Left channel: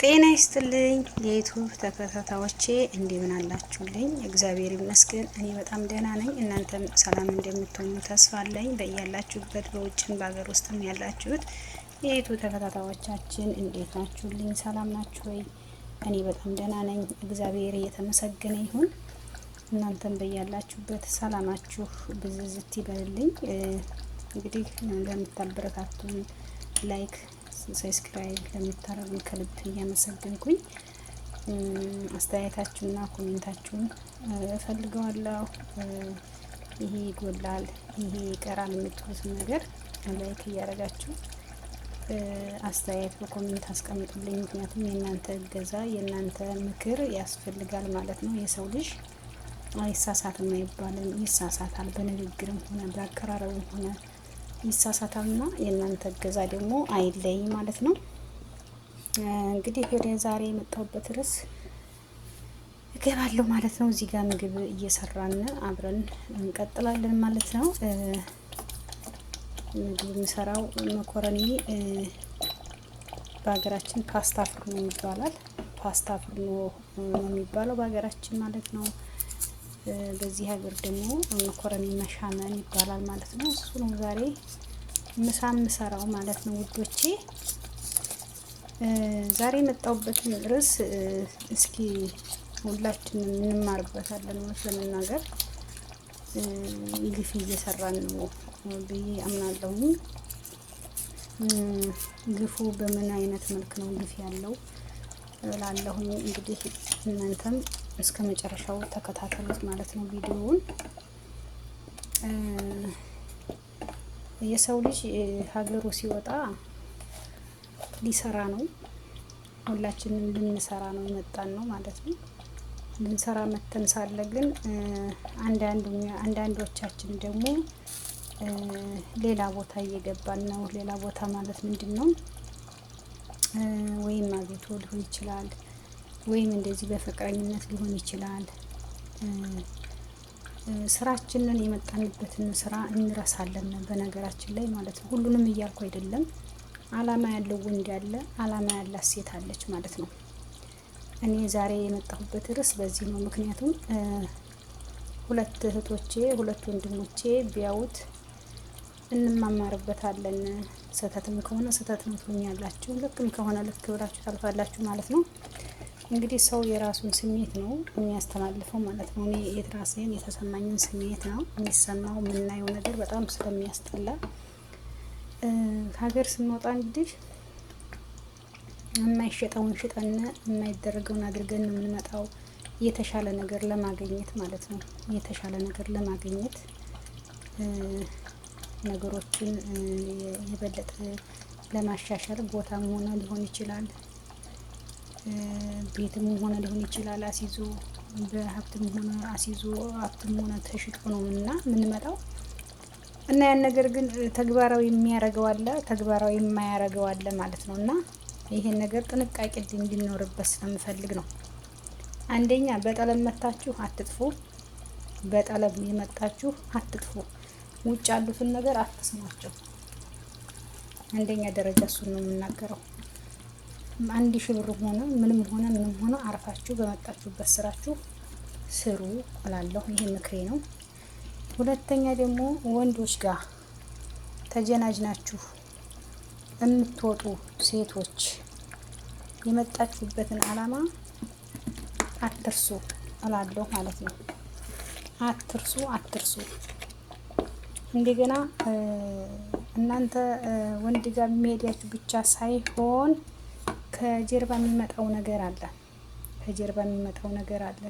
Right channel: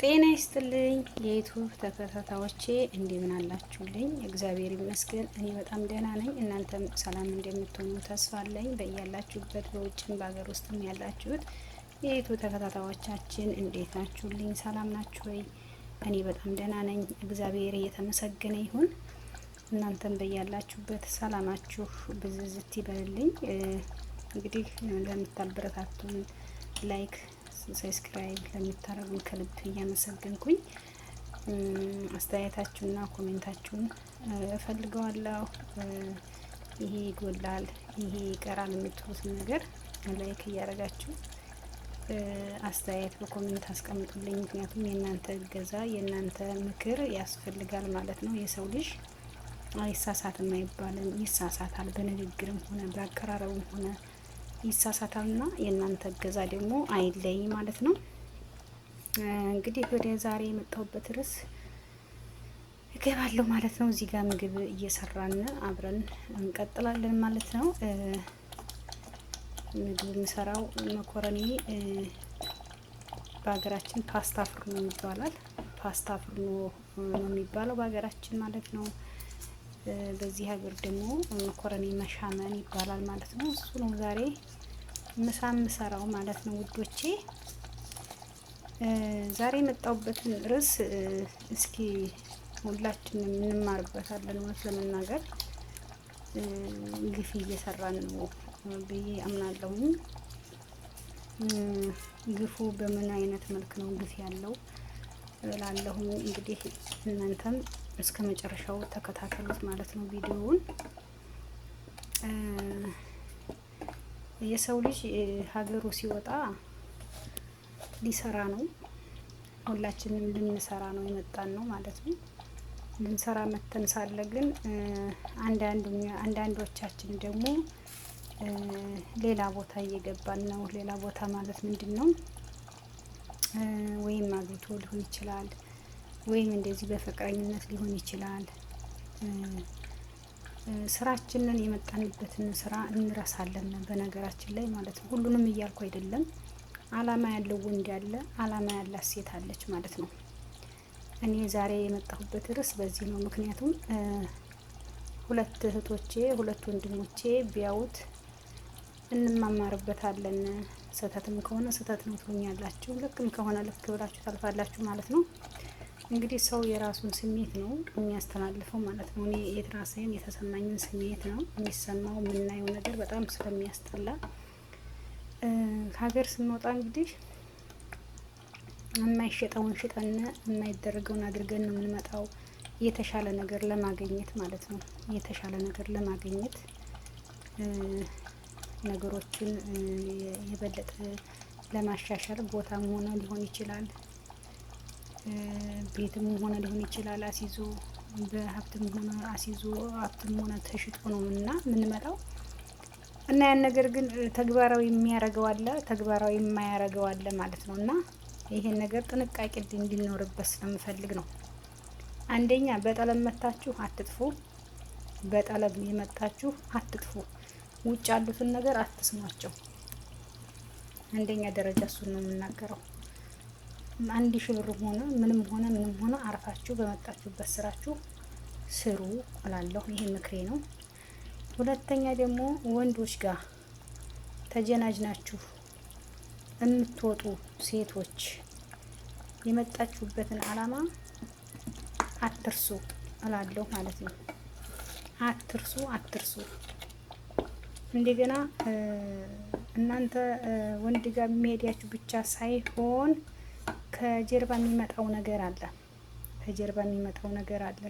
ጤና ይስጥልኝ የዩቲዩብ ተከታታዮቼ እንደምን አላችሁልኝ? እግዚአብሔር ይመስገን እኔ በጣም ደህና ነኝ። እናንተም ሰላም እንደምትሆኑ ተስፋ አለኝ። በያላችሁበት በውጭም በሀገር ውስጥም ያላችሁት የዩቲዩብ ተከታታዮቻችን እንዴት ናችሁልኝ? ሰላም ናችሁ ወይ? እኔ በጣም ደህና ነኝ። እግዚአብሔር እየተመሰገነ ይሁን። እናንተም በያላችሁበት ሰላማችሁ ብዝዝት ይበልልኝ። እንግዲህ ለምታበረታቱን ላይክ ሰብስክራይብ ለምታረጉን ከልብ እያመሰገንኩኝ አስተያየታችሁና ኮሜንታችሁን እፈልገዋለሁ። ይሄ ይጎላል፣ ይሄ ይቀራል የምትሉትን ነገር ላይክ እያደረጋችሁ አስተያየት በኮሜንት አስቀምጡልኝ። ምክንያቱም የእናንተ እገዛ የእናንተ ምክር ያስፈልጋል ማለት ነው። የሰው ልጅ አይሳሳትም አይባልም፣ ይሳሳታል። በንግግርም ሆነ በአቀራረብም ሆነ ይሳሳታልና የእናንተ እገዛ ደግሞ አይለይ ማለት ነው። እንግዲህ ወደ ዛሬ የመጣሁበት ርዕስ እገባለሁ ማለት ነው። እዚህ ጋር ምግብ እየሰራን አብረን እንቀጥላለን ማለት ነው። ምግብ የምሰራው መኮረኒ በሀገራችን ፓስታ ፍርኖ ይባላል። ፓስታ ፍርኖ ነው የሚባለው በሀገራችን ማለት ነው። በዚህ ሀገር ደግሞ መኮረኒ መሻመን ይባላል ማለት ነው። እሱ ነው ዛሬ ምሳ የምሰራው ማለት ነው ውዶቼ። ዛሬ የመጣሁበትን ርዕስ እስኪ ሁላችንም እንማርበታለን። እውነት ለመናገር ግፍ እየሰራን ነው ብዬ አምናለሁኝ። ግፉ በምን አይነት መልክ ነው ግፍ ያለው ላለሁኝ። እንግዲህ እናንተም እስከ መጨረሻው ተከታተሉት ማለት ነው ቪዲዮውን። የሰው ልጅ ሀገሩ ሲወጣ ሊሰራ ነው። ሁላችንም ልንሰራ ነው የመጣን ነው ማለት ነው። ልንሰራ መተን ሳለ ግን አንዳንዶቻችን ደግሞ ሌላ ቦታ እየገባን ነው። ሌላ ቦታ ማለት ምንድነው? ወይም አግብቶ ሊሆን ይችላል፣ ወይም እንደዚህ በፍቅረኝነት ሊሆን ይችላል። ስራችንን የመጣንበትን ስራ እንረሳለን በነገራችን ላይ ማለት ነው። ሁሉንም እያልኩ አይደለም። አላማ ያለው ወንድ ያለ፣ አላማ ያላት ሴት አለች ማለት ነው። እኔ ዛሬ የመጣሁበት ርዕስ በዚህ ነው። ምክንያቱም ሁለት እህቶቼ ሁለት ወንድሞቼ ቢያዩት እንማማርበታለን። ስህተትም ከሆነ ስህተት ነው ትሉኛላችሁ፣ ልክም ከሆነ ልክ ብላችሁ ታልፋላችሁ ማለት ነው። እንግዲህ ሰው የራሱን ስሜት ነው የሚያስተላልፈው ማለት ነው። እኔ የራሴን የተሰማኝን ስሜት ነው የሚሰማው። የምናየው ነገር በጣም ስለሚያስጠላ ሀገር ስንወጣ እንግዲህ የማይሸጠውን ሽጠን የማይደረገውን አድርገን ነው የምንመጣው፣ የተሻለ ነገር ለማግኘት ማለት ነው። የተሻለ ነገር ለማግኘት ነገሮችን የበለጠ ለማሻሻል ቦታም ሆነ ሊሆን ይችላል፣ ቤትም ሆነ ሊሆን ይችላል። አሲዞ በሀብትም ሆነ አሲዞ ሀብትም ሆነ ተሽጦ ነው እና የምንመጣው እና ያን ነገር ግን ተግባራዊ የሚያደርገው አለ፣ ተግባራዊ የማያደርገው አለ ማለት ነው። እና ይሄን ነገር ጥንቃቄ እንዲኖርበት ስለምፈልግ ነው። አንደኛ በጠለብ መታችሁ አትጥፉ። በጠለብ የመጣችሁ አትጥፉ። ውጭ ያሉትን ነገር አትስማቸው። አንደኛ ደረጃ እሱን ነው የምናገረው። 1000 ብር ሆነ ምንም ሆነ አርፋችሁ በመጣችሁበት ስራችሁ ስሩ እላለሁ። ይሄ ምክሬ ነው። ሁለተኛ ደግሞ ወንዶች ጋር ተጀናጅናችሁ የምትወጡ ሴቶች የመጣችሁበትን አላማ አትርሱ እላለሁ ማለት ነው። አትርሱ። እንደገና እናንተ ወንድ ጋር የሚሄዳችሁ ብቻ ሳይሆን ከጀርባ የሚመጣው ነገር አለ።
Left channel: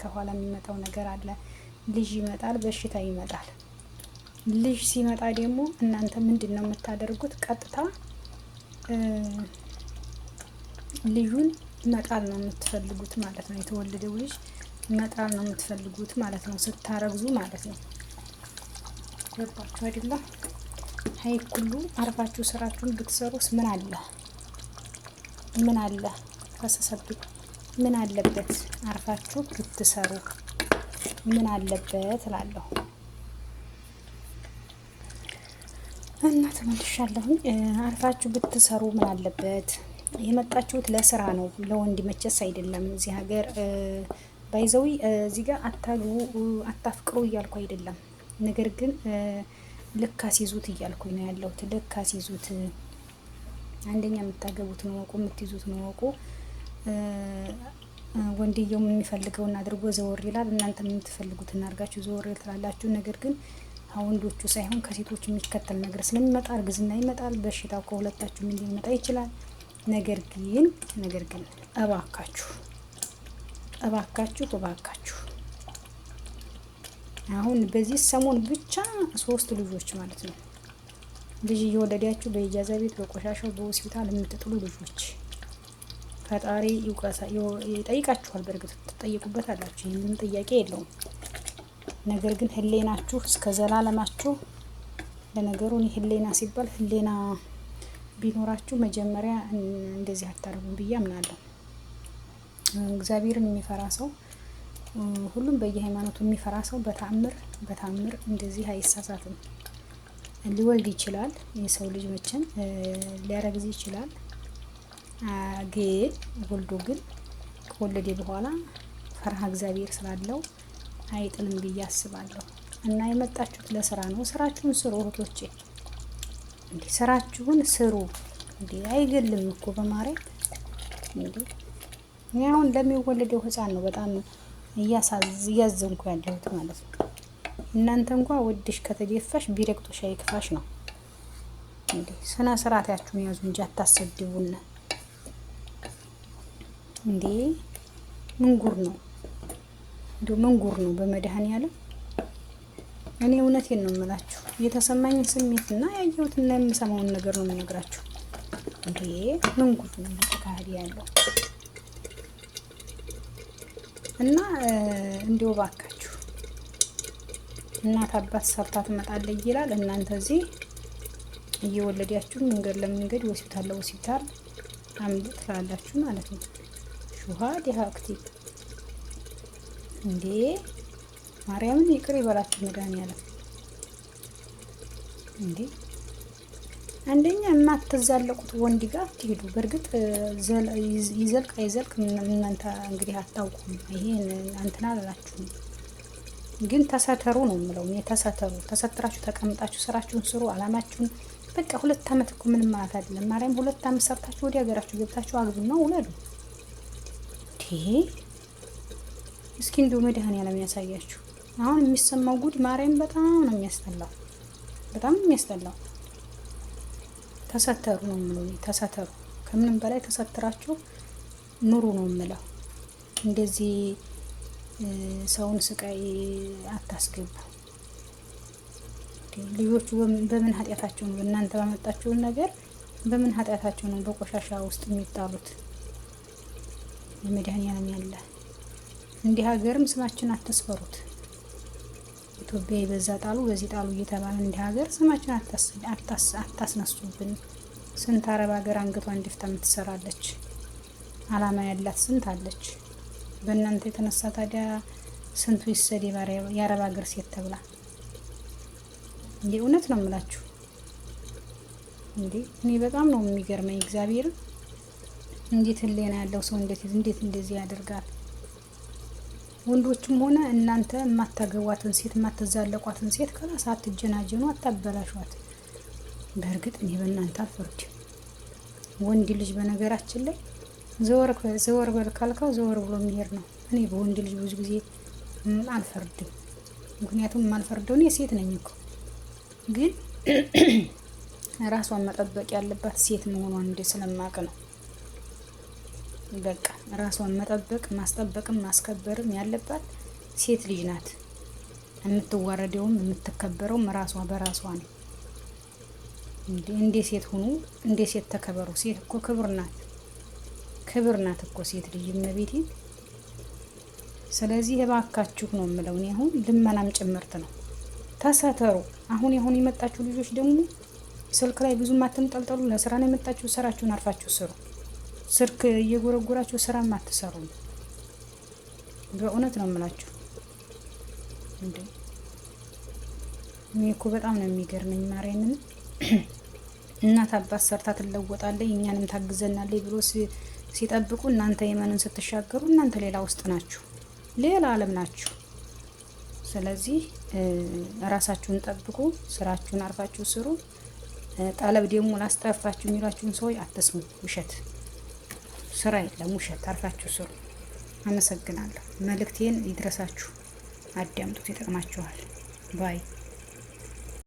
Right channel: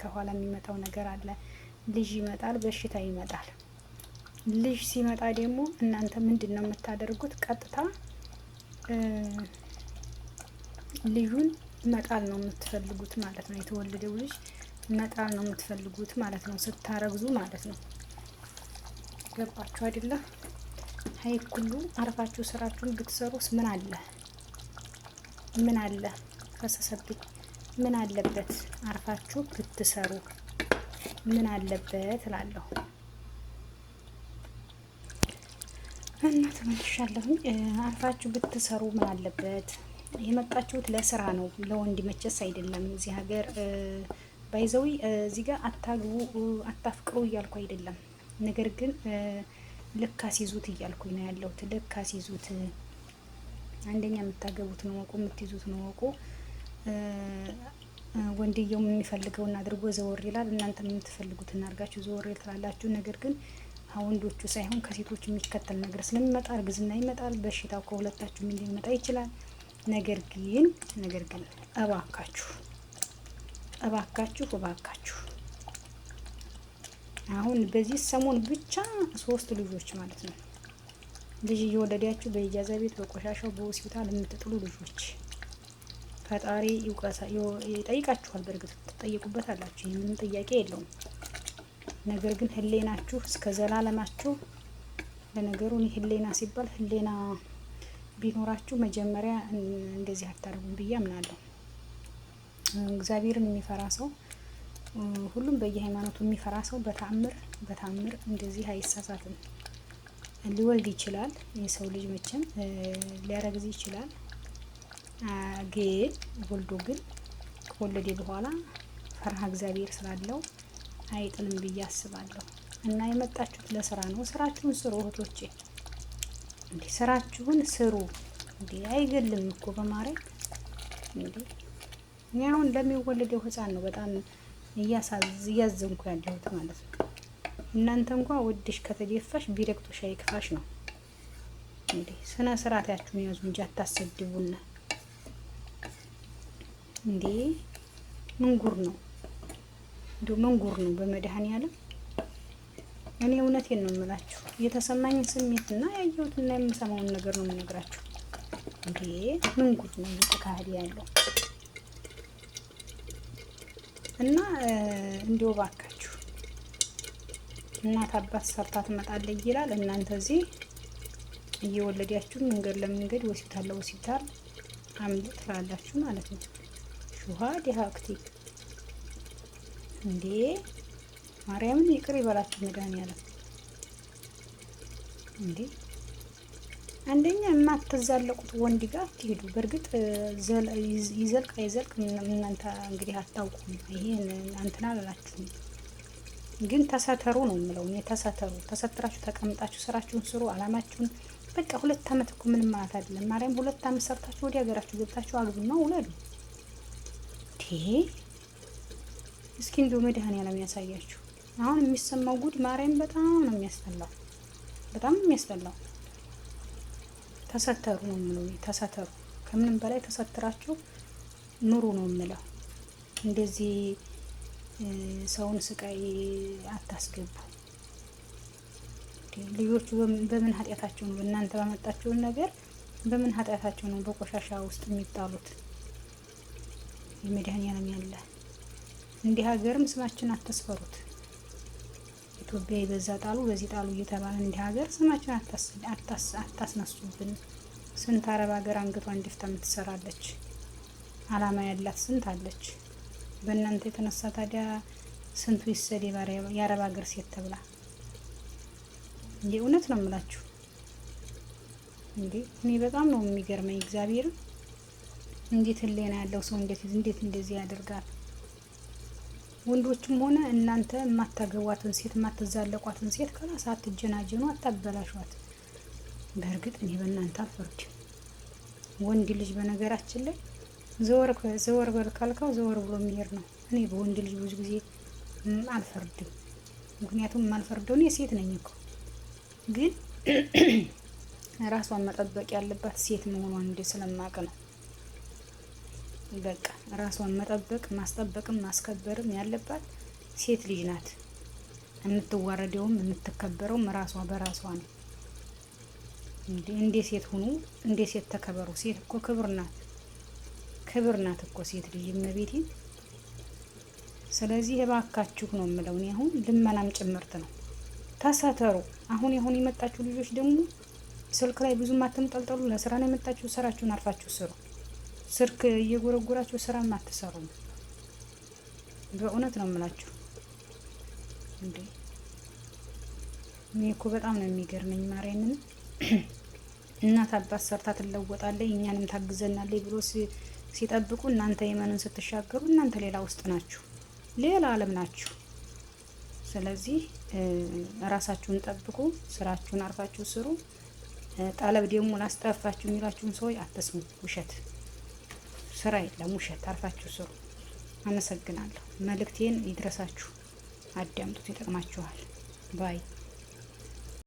ከኋላ የሚመጣው ነገር አለ። ልጅ ይመጣል፣ በሽታ ይመጣል። ልጅ ሲመጣ ደግሞ እናንተ ምንድነው የምታደርጉት? ቀጥታ ልጁን መጣል ነው የምትፈልጉት ማለት ነው። የተወለደው ልጅ መጣል ነው የምትፈልጉት ማለት ነው፣ ስታረግዙ ማለት ነው። ገባችሁ አይደለ? ሀይ ሁሉ አርፋችሁ ስራችሁን ብትሰሩስ ምን አለ ፈሰሰብኝ። ምን አለበት አርፋችሁ ብትሰሩ ምን አለበት እላለሁ። እና ተመልሻለሁ። አርፋችሁ ብትሰሩ ምን አለበት? የመጣችሁት ለስራ ነው፣ ለወንድ መቸስ አይደለም። እዚህ ሀገር ባይዘዊ እዚህ ጋር አታግቡ አታፍቅሩ እያልኩ አይደለም። ነገር ግን ልክ አስይዙት እያልኩኝ ነው ያለሁት። ልክ አስይዙት። አንደኛ የምታገቡት ነው ወቁ፣ የምትይዙት ነው ወቁ። ወንድየው የሚፈልገውን አድርጎ ዘወር ይላል። እናንተ የምትፈልጉትን አድርጋችሁ ዘወር ትላላችሁ። ነገር ግን ወንዶቹ ሳይሆን ከሴቶች የሚከተል ነገር ስለሚመጣ እርግዝና ይመጣል። በሽታው ከሁለታችሁም ሊመጣ ይችላል። ነገር ግን እባካችሁ አሁን በዚህ ሰሞን ብቻ 3 ልጆች ማለት ነው ልጅ እየወለዳችሁ በኢጃዛ ቤት በቆሻሻው በሆስፒታል የምትጥሉ ልጆች ፈጣሪ ይጠይቃችኋል። በእርግጥ ትጠይቁበት አላችሁ፣ ምንም ጥያቄ የለውም። ነገር ግን ህሌናችሁ እስከ ዘላለማችሁ። ለነገሩ ህሌና ሲባል ህሌና ቢኖራችሁ መጀመሪያ እንደዚህ አታርጉም ብዬ አምናለሁ። እግዚአብሔርን የሚፈራ ሰው፣ ሁሉም በየሃይማኖቱ የሚፈራ ሰው በታምር እንደዚህ አይሳሳትም። ሊወልድ ይችላል የሰው ልጅ መቼም ሊያረግዝ ይችላል። ግን ወልዶ ግን ከወለደ በኋላ ፈርሃ እግዚአብሔር ስላለው አይጥልም ብዬ አስባለሁ። እና የመጣችሁት ለስራ ነው። ስራችሁን ስሩ እህቶቼ፣ እንዴ ስራችሁን ስሩ። እንዴ አይገልም እኮ በማረግ እንዴ። እኔ አሁን ለሚወለደው ህፃን ነው በጣም እያዘንኩ ያለሁት ማለት ነው። እናንተ እንኳን ወድሽ ከተደፋሽ ቢረግጦሽ አይክፋሽ ነው እንዴ። ስነ ስርዓታችሁን ያዙ እንጂ አታሰድቡና እንዴ። ምንጉር ነው እንደው ምንጉር ነው በመድኃኔዓለም። እኔ እውነቴን ነው የምላችሁ፣ የተሰማኝን ስሜትና ያየሁትና የምሰማውን ነገር ነው የምነግራችሁ። እንዴ ምንጉር ነው እየተካሄደ ያለው። እና እንዲው ባካችሁ እናት አባት ሰርታ ትመጣለች ይላል። እናንተ እዚህ እየወለዳችሁ መንገድ ለመንገድ ሆስፒታል ለሆስፒታል አምልጥ ትላላችሁ ማለት ነው። ሹሃድ ያክቲ እንዴ ማርያምን ይቅር ይበላችሁ መድኃኒዓለም። እንዴ አንደኛ የማትዛለቁት ወንድ ጋር ትሄዱ። በእርግጥ ይዘልቅ አይዘልቅ እናንተ እንግዲህ አታውቁም። ይሄ እንትና አላላችሁም፣ ግን ተሰተሩ ነው የምለው እኔ። ተሰትራችሁ ተቀምጣችሁ ስራችሁን ስሩ፣ አላማችሁን በቃ 2 አመት እኮ ምንም ማለት አይደለም። ማርያም 2 አመት ሰርታችሁ ወደ ሀገራችሁ ገብታችሁ አግቡና ውለዱ። እስኪ እንደው መድኃኒዓለም ያሳያችሁ። አሁን የሚሰማው ጉድ ማርያም በጣም ነው የሚያስጠላው፣ በጣም የሚያስጠላው። ተሰተሩ ነው የምለው፣ ተሰተሩ። ከምንም በላይ ተሰትራችሁ ኑሩ ነው የምለው። እንደዚህ ሰውን ስቃይ አታስገቡ። ልጆቹ በምን ኃጢአታቸው ነው እናንተ ባመጣችሁን ነገር በምን ኃጢአታቸው ነው በቆሻሻ ውስጥ የሚጣሉት? የመድኃኒዓለም ያለ እንዲህ ሀገርም ስማችን አትስፈሩት። ኢትዮጵያ በዛ ጣሉ በዚህ ጣሉ እየተባለ እንዲህ ሀገር ስማችን አታስነሱብን። ስንት አረብ ሀገር አንገቷን ደፍታ የምትሰራለች አላማ ያላት ስንት አለች። በእናንተ የተነሳ ታዲያ ስንቱ ይሰደባል የአረብ ሀገር ሴት ተብላ። የእውነት ነው የምላችሁ። እንዴ እኔ በጣም ነው የሚገርመኝ እግዚአብሔር። እንዴት ህሊና ያለው ሰው እንዴት እንደዚህ ያደርጋል? ወንዶችም ሆነ እናንተ የማታገቧትን ሴት የማትዛለቋትን ሴት ከላስ አትጀናጀኑ፣ አታበላሿት። በእርግጥ እኔ በእናንተ አልፈርድም። ወንድ ልጅ በነገራችን ላይ ዘወር በል ካልከው ዘወር ብሎ የሚሄድ ነው። እኔ በወንድ ልጅ ብዙ ጊዜ አልፈርድም። ምክንያቱም የማልፈርደው እኔ ሴት ነኝ እኮ። ግን ራሷን መጠበቅ ያለባት ሴት መሆኗን እንደ ስለማቅ ነው። በቃ ራሷን መጠበቅ ማስጠበቅም ማስከበርም ያለባት ሴት ልጅ ናት። የምትዋረደውም የምትከበረውም ራሷ በራሷ ነው። እንደ ሴት ሁኑ፣ እንደ ሴት ተከበሩ። ሴት እኮ ክብር ናት እኮ ሴት ልጅ እመቤቴ። ስለዚህ እባካችሁ ነው የምለው። እኔ አሁን ልመናም ጭምርት ነው። ተሰተሩ። አሁን የመጣችሁ ልጆች ደግሞ ስልክ ላይ ብዙም አትንጠልጠሉ። ለስራ ነው የመጣችሁ፣ ስራችሁን አርፋችሁ ስሩ። ስልክ እየጎረጎራችሁ ስራ አትሰሩ። በእውነት ነው የምላችሁ። እንዴ እኔ እኮ በጣም ነው የሚገርመኝ ማርያምን። እናት አባት ሰርታ ትለወጣለች እኛንም ታግዘናለች ብሎ ሲጠብቁ እናንተ የመንን ስትሻገሩ እናንተ ሌላ ውስጥ ናችሁ፣ ሌላ ዓለም ናችሁ። ስለዚህ ራሳችሁን ጠብቁ፣ ስራችሁን አርፋችሁ ስሩ። ጠለብ ደግሞ ላስጠፋችሁ የሚሏችሁን ሰዎች አትስሙ። ውሸት ስራ የለም፣ ውሸት። አርፋችሁ ስሩ። አመሰግናለሁ። መልእክቴን ይድረሳችሁ፣ አዳምጡት፣ ይጠቅማችኋል ባይ